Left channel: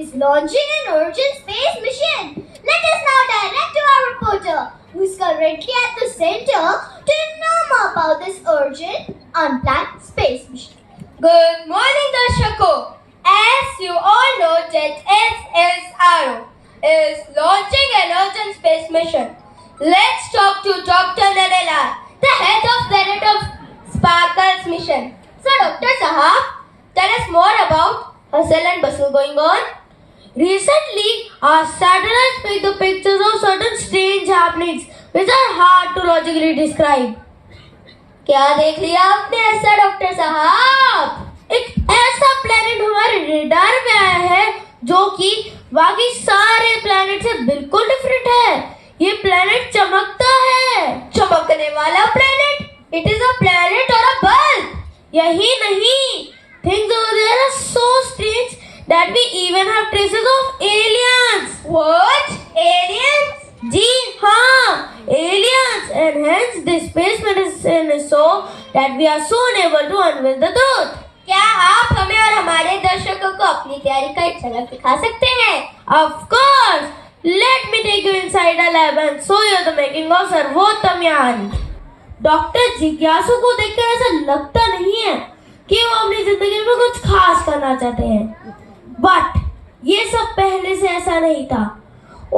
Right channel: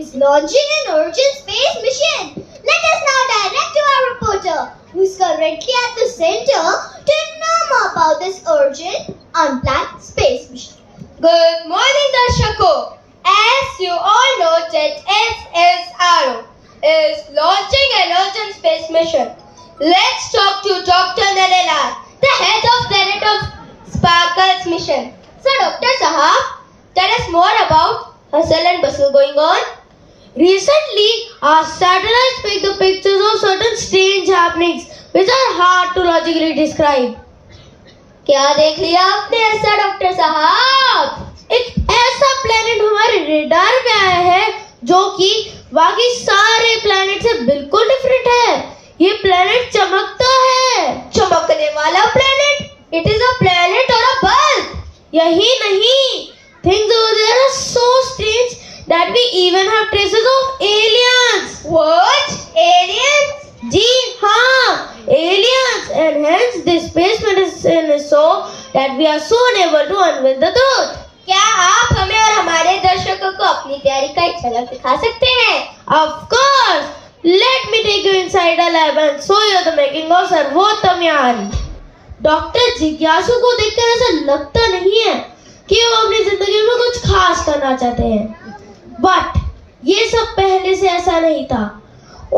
is launching an urgent space mission. Let us now direct to our reporter, who is currently at the center, to know more about this urgent, unplanned space mission. Good morning, Darshako. As you all know, that SSRO is launching an urgent space mission. Let's talk to Dr. Nalala, the head of Planet of Sparkles mission. So, Dr. Sahab, tell us more about hustle and bustle going on. Recently, our satellites picked the pictures of certain strange happenings which are hard to logically describe. क्या देख लिया आपने ऐसा doctor साहब? एक ऐसा planet हमारे radar में आया है जो कि बाकी सारे प्लेनेट से बिल्कुल डिफरेंट है। ये प्लेनेट चमकता है। चमकने वाला planet? It is a planet or a bulb? यही नहीं, things over there are so strange that we even have traces of aliens. What? Aliens? जी हाँ, aliens, and hence this space medicine is so that we are soon able to unveil the truth. क्या आप हमें और हमारे दर्शकों को अपनी तैयारी का एक झलक दिखा सकते हैं? Of course, let me take you inside a lab and show you the making of सर्वोत्तम यान. डॉक्टर जिज्ञासु को देखकर ऐसा लगता नहीं है कि वो अपनी जिंदगी में कुछ खास करना चाहते हैं, बट ये सब पहले से ऐसा नहीं था.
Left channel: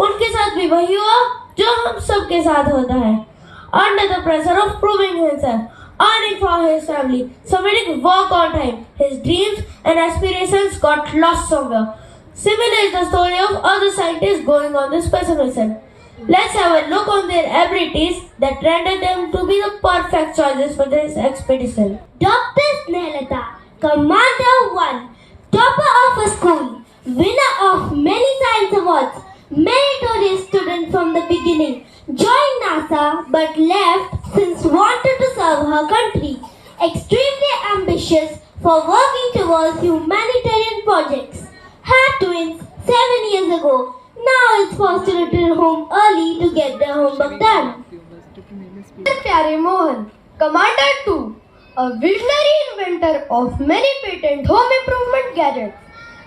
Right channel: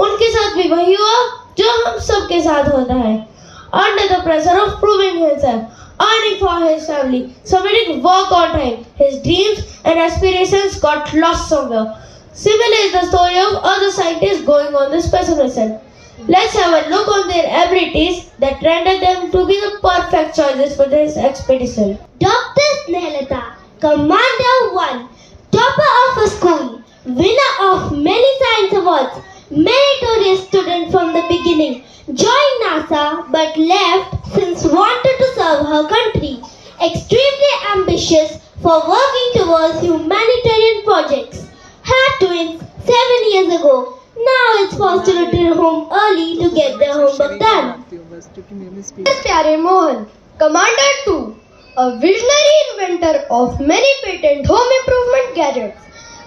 उनके साथ भी वही हुआ जो हम सबके साथ होता है. Under the pressure of proving himself, earning for his family, submitting work on time, his dreams and aspirations got lost somewhere. Similar is the story of other scientists going on this space mission. Let's have a look on their abilities that render them to be the perfect choices for this expedition. Dr. Snehlata, Commander 1, topper of a school, winner of many science awards, meritorious student from the beginning, joined NASA but left since wanted to serve her country, extremely ambitious for working towards humanitarian projects, had twins 7 years ago. Now it's forced to return home early to get their homework done. प्यारे Mohan, Commander 2, a visionary inventor of many patent home improvement gadgets.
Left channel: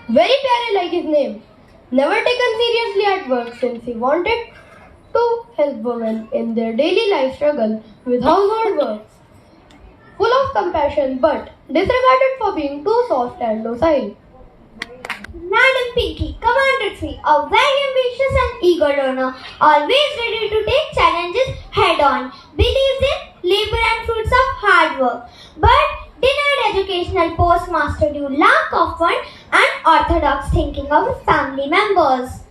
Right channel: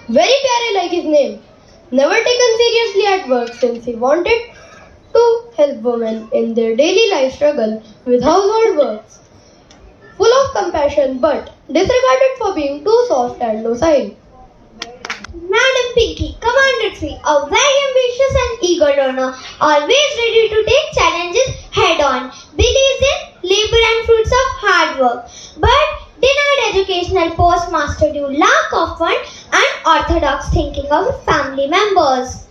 Very प्यारे like his name. Never taken seriously at work since he wanted to help women in their daily life struggle with household works. Full of compassion but disregarded for being too soft and docile. Madam Pinky, Commander 3, a very ambitious and eager learner, always ready to take challenges head on, believes in labor and fruits of hard work, but denied educational postmaster due lack of fund and orthodox thinking of family members.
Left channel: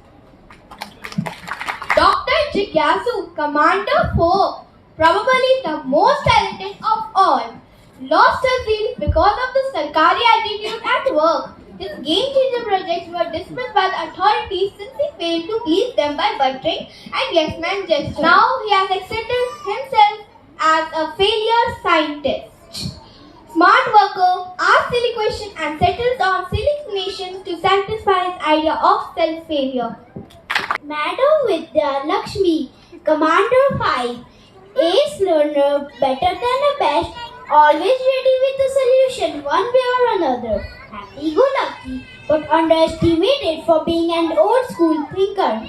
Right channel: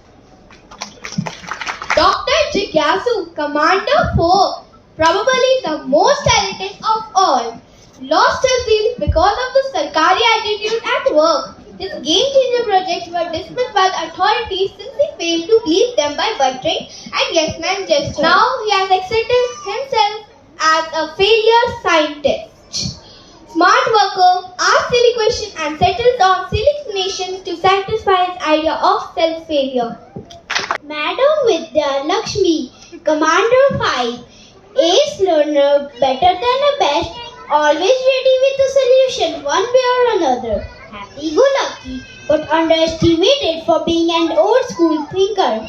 Dr. Jigyasu, Commander 4, probably the most talented of all, lost his zeal because of the Sarkari attitude at work. His game-changer projects were dismissed by the authorities since he failed to please them by buttering and yes-man gestures. Now he has accepted himself as a failure scientist. Smart worker, asks silly questions and settles on silly explanations to satisfy his idea of self-failure. Madam Vidya Lakshmi, Commander 5, ace learner, better than a best, always ready with a solution one way or another. Happy-go-lucky, but underestimated for being an old-school thinker.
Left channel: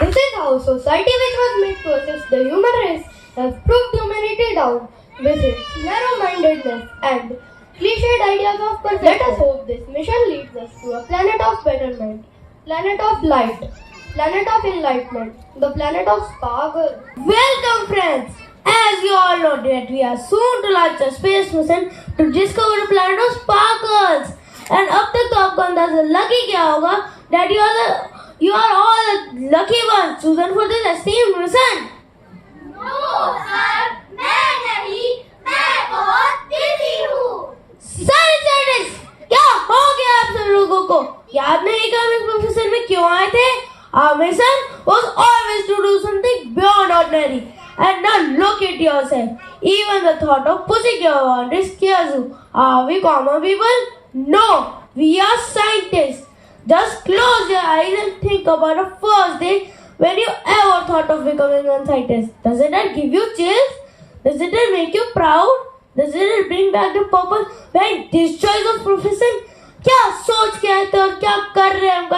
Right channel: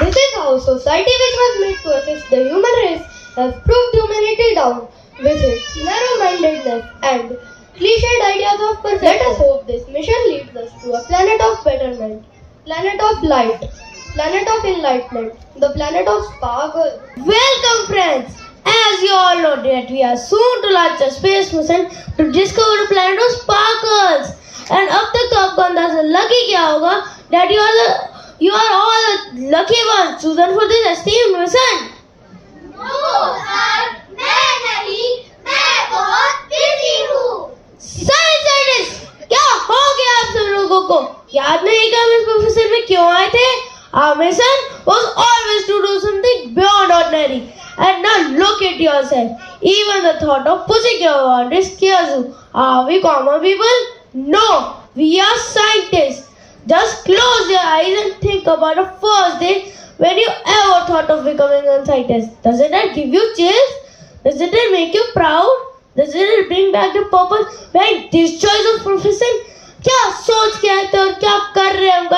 This is how society which was made to assist the human race has proved humanity down with its narrow-mindedness and cliched ideas of perfection. Let us hope this mission leads us to a planet of betterment, planet of light, planet of enlightenment, the planet of sparkle. Welcome friends! As you all know that we are soon to launch a space mission to discover the planet of sparkles. And अब तक तो आपको अंदाजा लग ही गया होगा that you are all the lucky ones chosen for this esteemed mission. No, sir, मैं नहीं, मैं बहुत busy हूँ. Scientists, क्या हो गया आप सब लोगों को? याद नहीं कि हम इस प्रोफेसर में क्यों आए थे? Our mission was always to do something beyond ordinary. And now look at yourself. Even the thought of pushing your boundaries scares you. Are we common people? No, we are scientists. Just close your eyes and think about the first day when you ever thought of becoming a scientist. Doesn't that give you chills? Doesn't it make you proud? Doesn't it bring back the purpose behind this choice of profession? क्या सोच के आए थे और क्या कर रहे हैं हम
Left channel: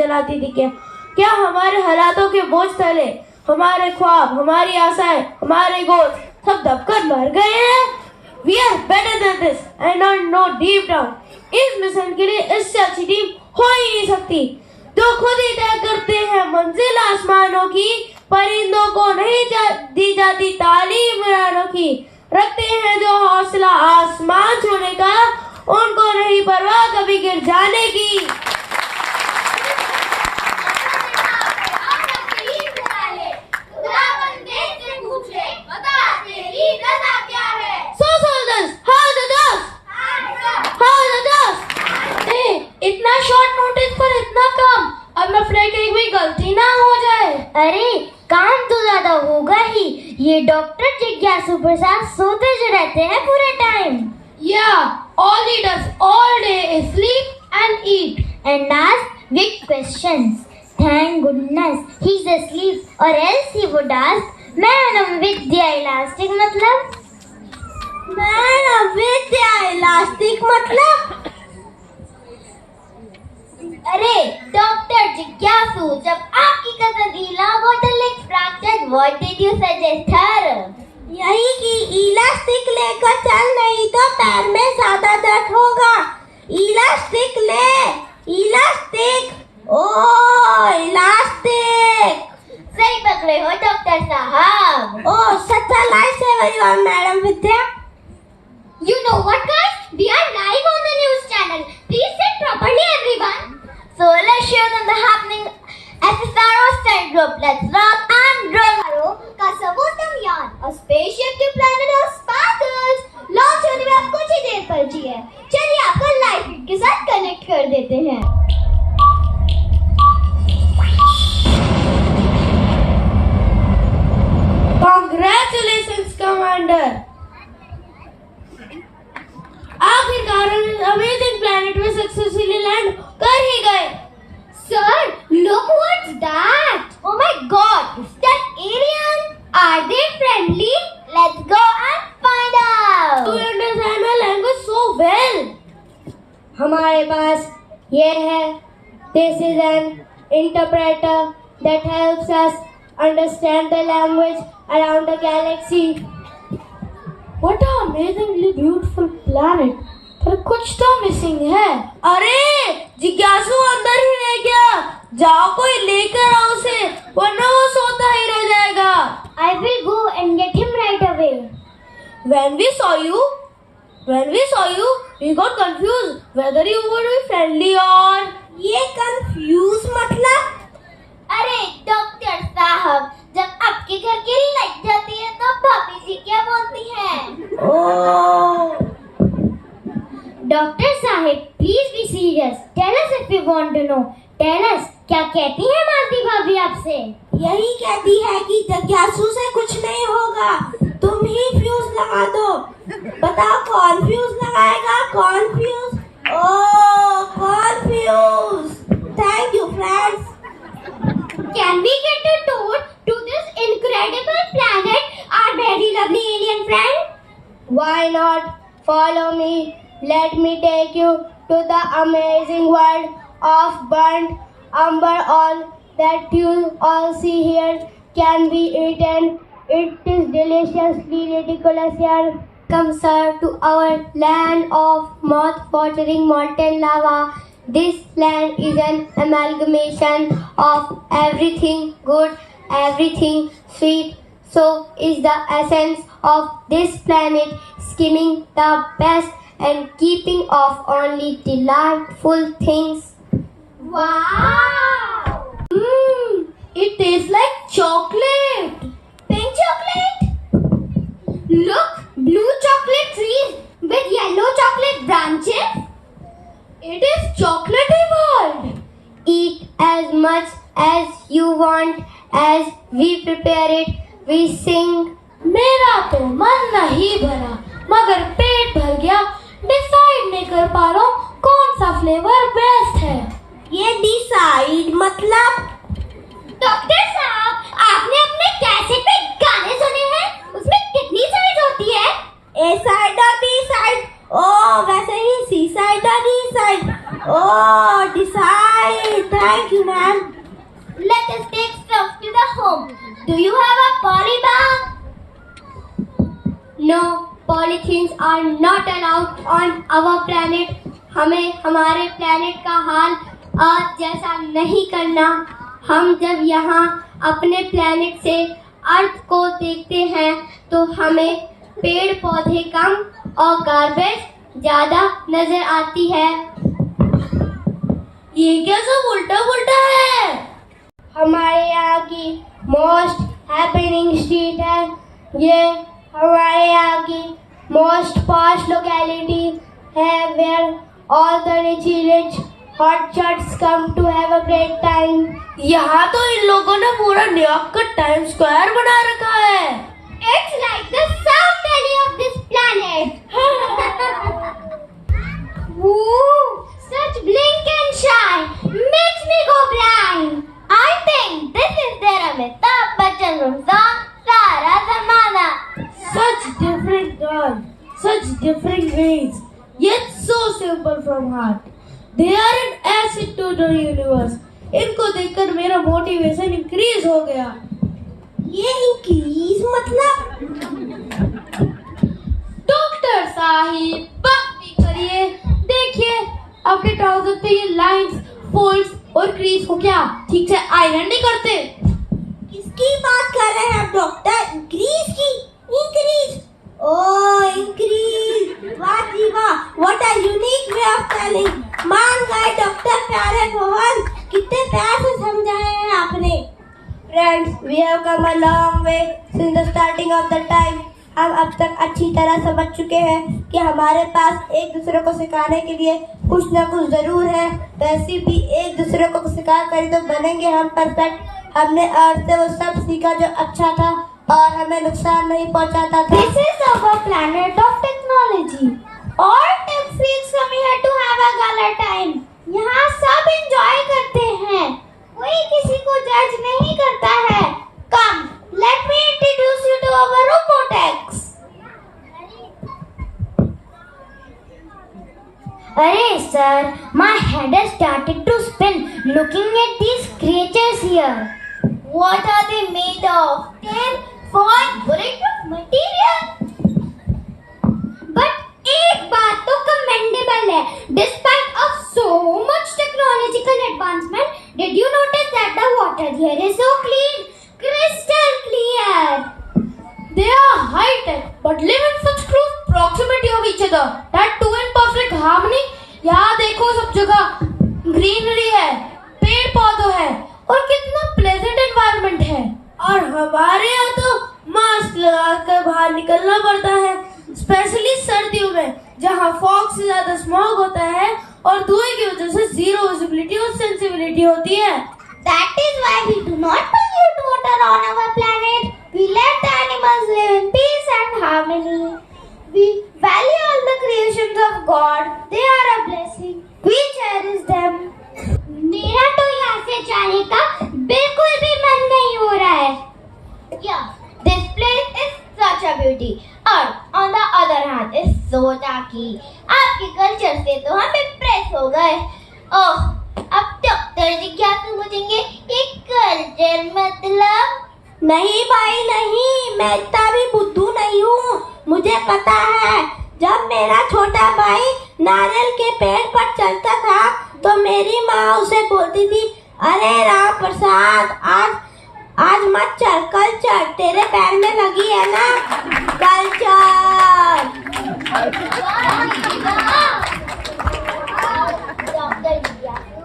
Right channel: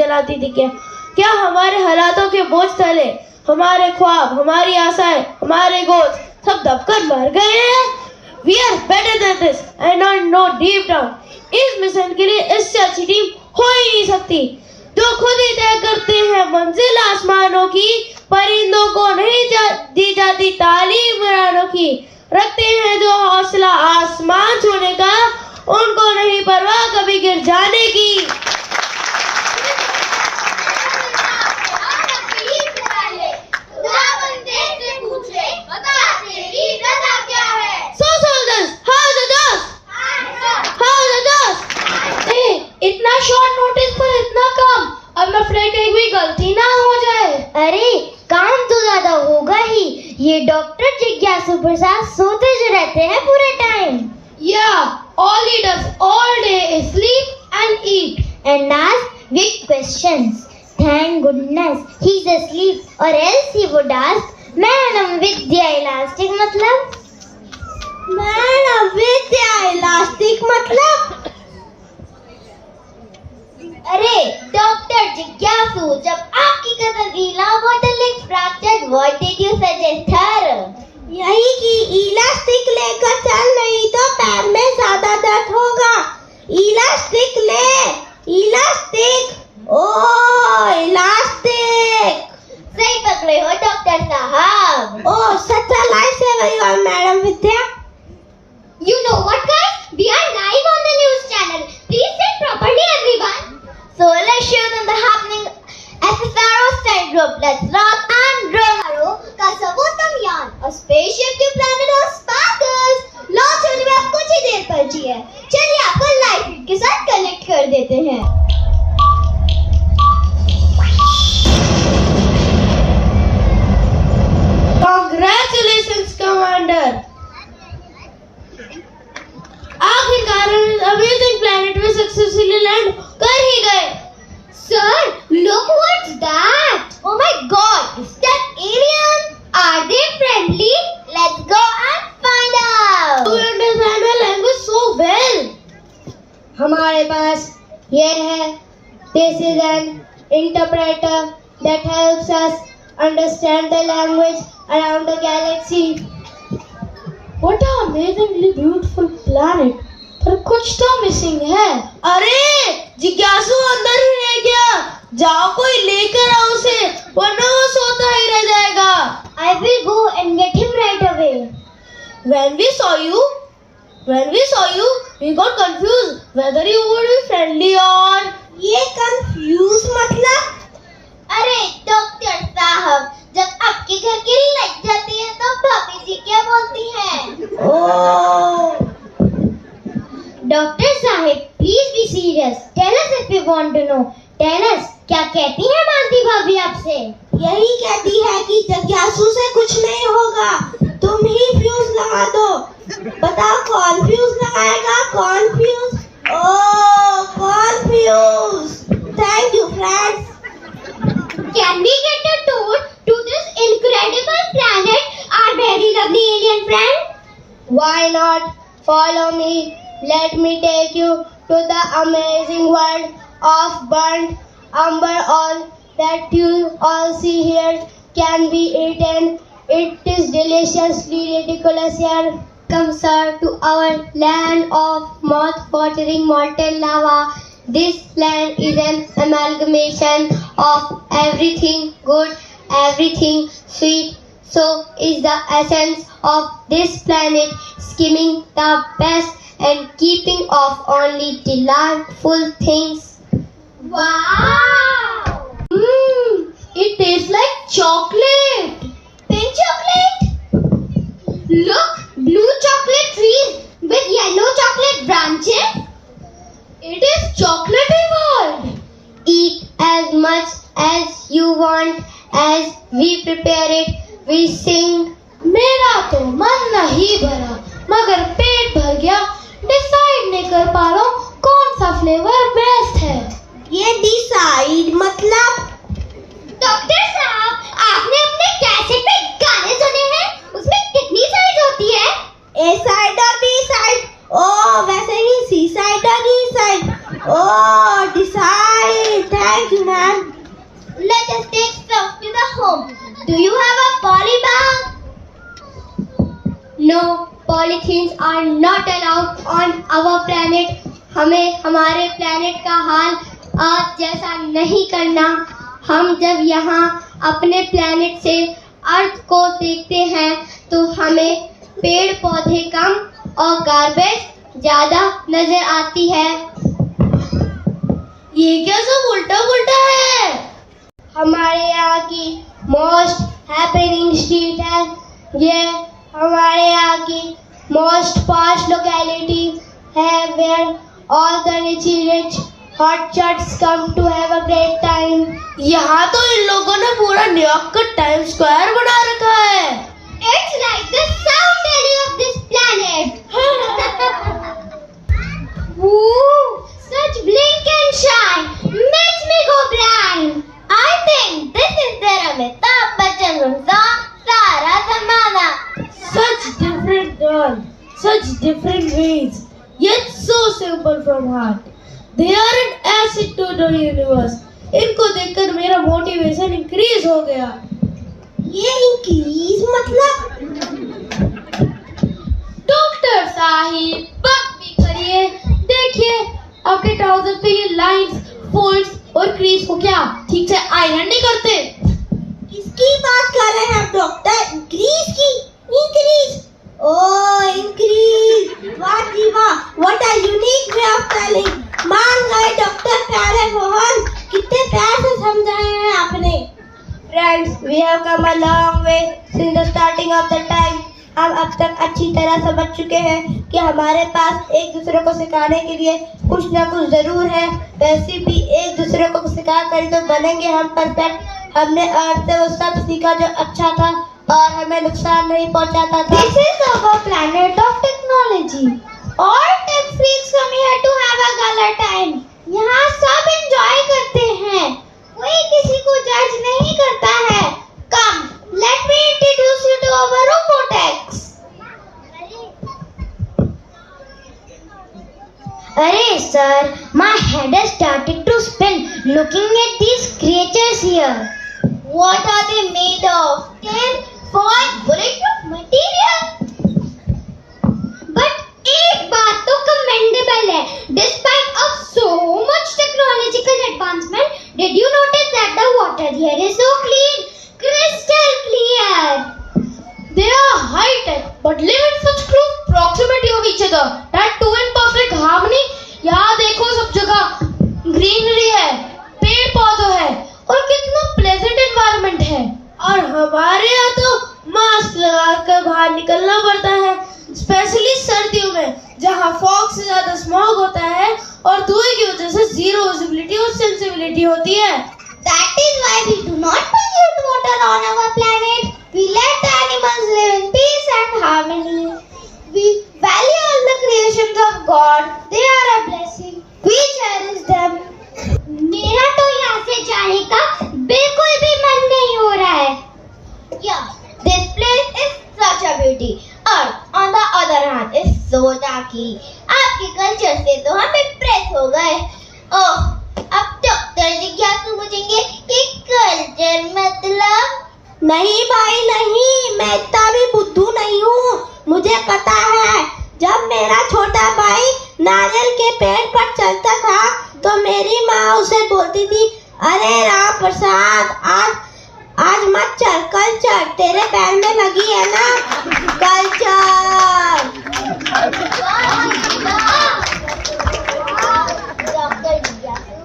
जलाती थी क्या हमारे हालातों के बोझ तले हमारे ख्वाब, हमारी आशाएं, हमारे गोल सब दबकर मर गए हैं? We are better than this and I know deep down इस मिशन के लिए इससे अच्छी टीम हो ही नहीं सकती। जो खुद ही तय करते हैं मंजिल आसमानों की, परिंदों को नहीं दी जाती तालीम उड़ानों की। रखते हैं जो हौसला आसमान छूने का, उनको नहीं परवाह कभी गिर जाने की। इतना शॉर्ट नोटिस पर इतना काम, अब मैं फ्रेंड कहीं भी गलती ना हो जाए। अरे काम तो ज्यादा होगा ही। ये डॉक्टर जिज्ञासु प्रसाद सोते जो रहते हैं पूरे time. All he does all day is sleep and eat and ask big questions. Thank goodness he's asleep, or else he would ask, Madam Vidya Elastic मतलब? Madam Vidya Elastic मतलब? अरे डॉक्टर जिज्ञासु, जब आपकी cousin Ila bottle leg fractured, what did you suggest her? यही कि elastic लेकर चल, नहीं तो पैर में ज्यादा दर्द होगा। इलास्टिक ले, इलास्टिक, ओह इलास्टिक। सही पकड़े हो डॉक्टर साहब। ओह सच a lifesaver you are, Madam Vidya. You know what guys? We are live on the news channel. Please sit properly everyone. Solar shows on the happening SSRO style group. Let's rock and roll. का सर्वोत्तम यान, a spaceship to planet of sparkles, launch होने में अब कुछ ही देर बची है। चलिए आपको लाइव फीड के साथ कनेक्ट कर देते हैं। Congratulations, Commander. आखिरकार अमेजिंग प्लैनेट में सक्सेसफुली लैंड कर ही गए। Sir, look what's that? Oh my God, is that alien? Are they friendly? Let's go and find out. You understand our language so well. हमारे पास ये है, this is an interpreter that helps us understand the language around the galaxy. What an amazingly beautiful planet. पर कुछ तो missing है। अरे जिज्ञासु अंदर ही रह गया, जाओ कोई लेकर आओ उसे, वरना वो सोता ही रह जाएगा। I will go and get him right away. When we saw you, we got confused whether you would be friendly or. ये confuse मतलब? अरे डॉक्टर साहब, जब आपके घर की लाइट जाती है तो भाभी जी क्या बोलती हैं? ओह डॉक्टर साहब, please be serious. Tell us if you want to know. Tell us, क्या कहती है मालती भाभी आपसे? यही कहती है कि जिज्ञासु से कुछ नहीं होगा, तुम ही फ्यूज लगा दो. बताओ कौन फ्यूज लगाएगा? कौन फ्यूज? ओह कौन fuse? Thank you friends. Can we get a tour to this incredible planet, our very lovely alien friend? Why not? Follow me. Let me take you to the amazing world of burnt umber. All that you all see here can be eaten. It is deliciously ridiculous here. Come, sir, to our land of mouth-watering molten lava. This land is an amalgamation of everything good, everything sweet. So is the essence of this planet, skimming the best and keeping off only delightful things. Wow! it tastes like chocolate. Pink chocolate? Look, blue chocolate trees with yellow chocolate branches. It is chocolate evolved. Eat as much as you want as we prepare it. We sing. मेरा तो मन नहीं भरा, मगर पेट भर गया. Decide नहीं कर पा रहा हूँ कौन सा फ्लेवर बेस्ट है. ये डिसाइड मतलब? डॉक्टर साहब, आपने अपने कैसेट पे गाने सुने हैं? उसमें कितनी साइड होती है? ए साइड और बी साइड. वैसे ही सी साइड और D side. Decide. Thank you ma'am. the home. Do you have a poly bag? No, polythenes are not allowed on our planet. हमें हमारे planet का हाल आज जैसा नहीं करना. हम जब यहाँ अपने planet से अर्थ को देखते हैं तो हमें पेड़ पौधे कम और गार्बेज ज्यादा नजर आती है. ये क्या सब उल्टा पुल्टा है? हमारे यहाँ की मोस्ट हैपनिंग स्ट्रीट है. ये हमारे यहाँ की मोस्ट पॉश लोकेलिटी है where all the rich hot shots come to have a great time. यहाँ तो इन लोगों ने पूरा न्यूयॉर्क का टाइम स्क्वायर बना रखा है. It's like the South Delhi of this planet. Woo! Such blink and shine makes me go blind. I think this is their Amitabh Bachchan song, Sara Zamana. Such different girls, such different ways, yet so simple from heart. They are an acid to the universe. इनको देखकर मेरा motivation increase हो गया. ये increase मतलब? Doctor Sahib बात भी करिए. देखिए आपके ट्राउजर पे ये लाइंस, फोल्ड्स और क्रीज को क्या ठीक से आयरन नहीं करते? किसकी बात कर रहे हैं आप डॉक्टर? इंक्रीज की? इंक्रीज? ओह इंक्रीज. वाह जी वाह. What a unique way of telling. मान गए डॉक्टर प्यारे मोहन. कितने प्यार से समझाए हैं आपने. Friends, we have come a long way since the starting of the time. हम अब तक अच्छी तरह समझ चुके हैं कि हमारे पास एक दूसरे को सिखाने के लिए कुछ ना कुछ जरूर है. वैसे भी एक दूसरे को सिखा कर तो बनेंगे हम परफेक्ट. हमने अर्थ से वो सब सीखा जो अच्छा था और हमें नुकसान नहीं पहुंचाता था. This is our planet of technology. All tech freaks come here to have a gala time. यहाँ सब enjoy करते हैं. कोई किसी को जज नहीं करता है. Come, let me introduce you to our robotex. Arey sir, my head has started to spin looking at these creatures here. What are they made of? Tin, foil, bulletproof material? But एक बात तो commendable है. Despite of so much technological advancement, did you notice that the water here is so clean, crystal clear? They are high tech but live in such close proximity of each other that two in perfect harmony. यहाँ देखो सब जगह greenery है, पेड़ पौधे है और कितना प्लेजेंट एनवायरनमेंट है. और हमारे यहाँ तो मास्क लगाकर बाहर निकलना पड़ता है, स्पेशली सर्दियों में जहाँ फॉग से ज्यादा स्मॉग होता है और धुएं की वजह से जीरो विजिबिलिटी और सेंसिबिलिटी होती है. That is why we do not pollute water on our planet. We let the animals live in peace and harmony. We value all the creations of God. They are a blessing. We cherish them. मेरा तो यहाँ से जाने का बिल्कुल भी मन नहीं हो रहा है. Yeah, this place is such a beauty. Earth, on the other hand, is so tacky. आपके कल्चर से तो हम impress हो गए. ओह, अब डॉक्टर जिज्ञासु पूछेंगे कि कल्चर मतलब? नहीं भाई नहीं, मैं इतना भी बुद्धू नहीं हूँ. मुझे पता है, जब मेरा छोटा भाई नारियल के पेड़ पर चलता था तो मेरी माँ उसे बोलती थी, अरे राम प्रसाद आज मत चल, कल चल, तेरे पैर में लगी है ना. कल चल. डॉक्टर जिज्ञासु.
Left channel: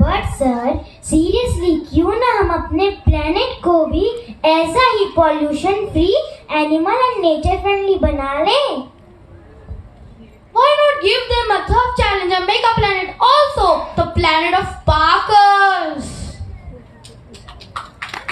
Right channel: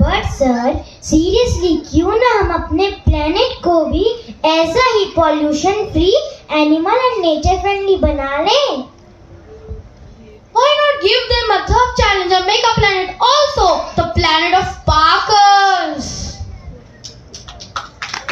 बट सर सीरियसली क्यों ना हम अपने प्लेनेट को भी ऐसा ही pollution free, animal and nature friendly बना लें. Why not give them a tough challenge and make our planet also the planet of sparkles?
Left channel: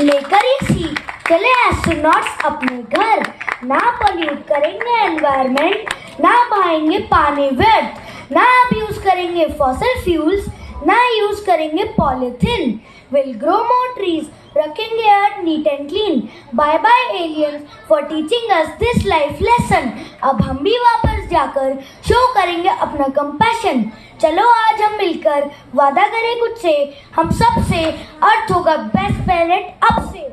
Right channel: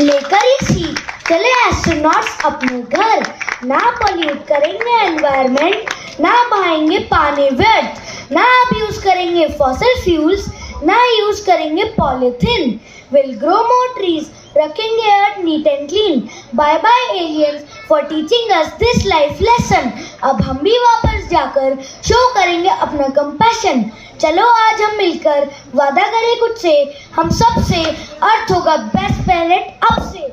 लेकर ही सीख चले एस्ट्रोनॉट्स अपने घर. ना पॉल्यूट करेंगे एनवायरनमेंट, ना बहाएंगे पानी व्यर्थ, ना यूज करेंगे फॉसिल फ्यूल्स, ना यूज करेंगे polythene. Will grow more trees, रखेंगे earth neat and clean. Bye bye aliens for teaching us this life lesson. अब हम भी वापस जाकर शो करेंगे अपना कंपैशन। चलो आज हम मिलकर वादा करें खुद से, हम सब से अर्थ होगा बेस्ट प्लेनेट अब से।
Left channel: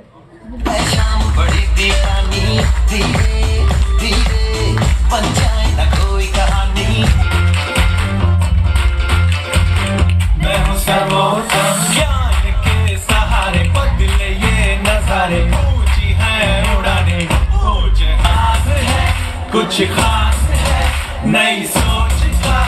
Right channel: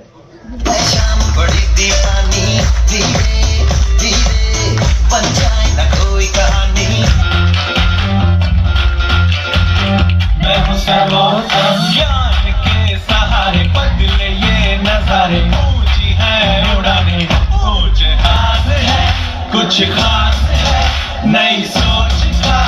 शाम बड़ी दीवानी, धीरे धीरे बन जाए ना कोई कहानी। मैं हूँ सर्वोत्तम, ज्ञान के सहारे बदले ये नजारे। ऊंची है उड़ाने, ऊंचे हाथ है, कुछ खास है, नई सोच का